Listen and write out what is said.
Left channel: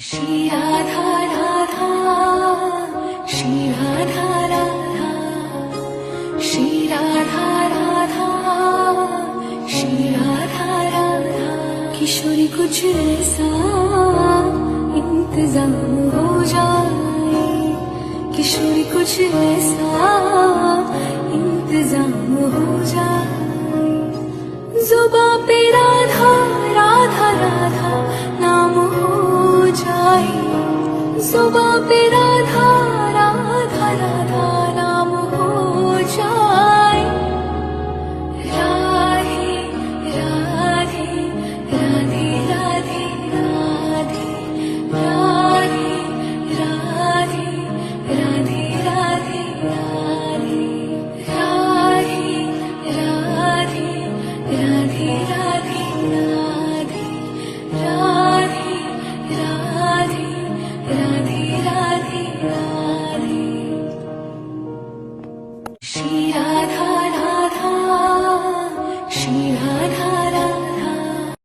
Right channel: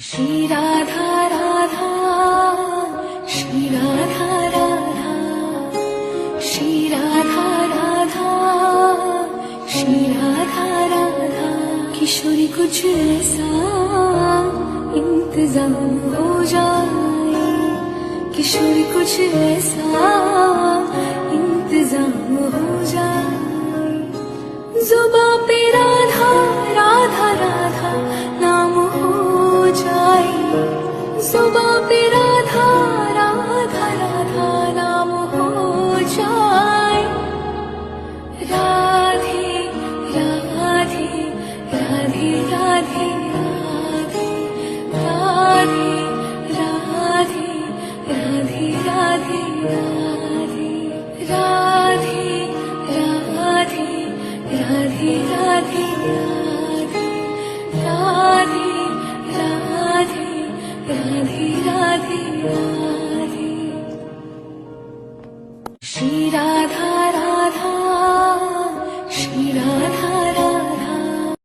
श्री राधा राधा, श्री राधा राधा, श्री राधा राधा, श्री राधा राधा। किशोरी कुछ ऐसा इंतजाम हो जाए, किशोरी कुछ ऐसा इंतजाम हो जाए। जुबां पे राधा राधा राधा नाम हो जाए, जुबां पे राधा राधा राधा नाम हो जाए। राधे राधे राधे राधे राधे, राधे राधे राधे राधे राधे, राधे राधे राधे राधे राधे, राधे राधे राधे राधे। श्री राधा